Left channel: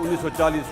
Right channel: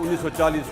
1940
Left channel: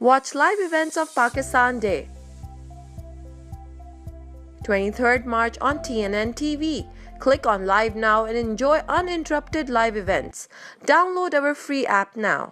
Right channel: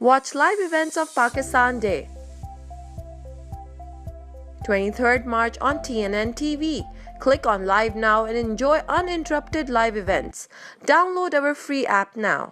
Watch live events of Pakistan Day. 23rd March on TNN TV. Click on Live now and enjoy uninterrupted live events. Download our free app now.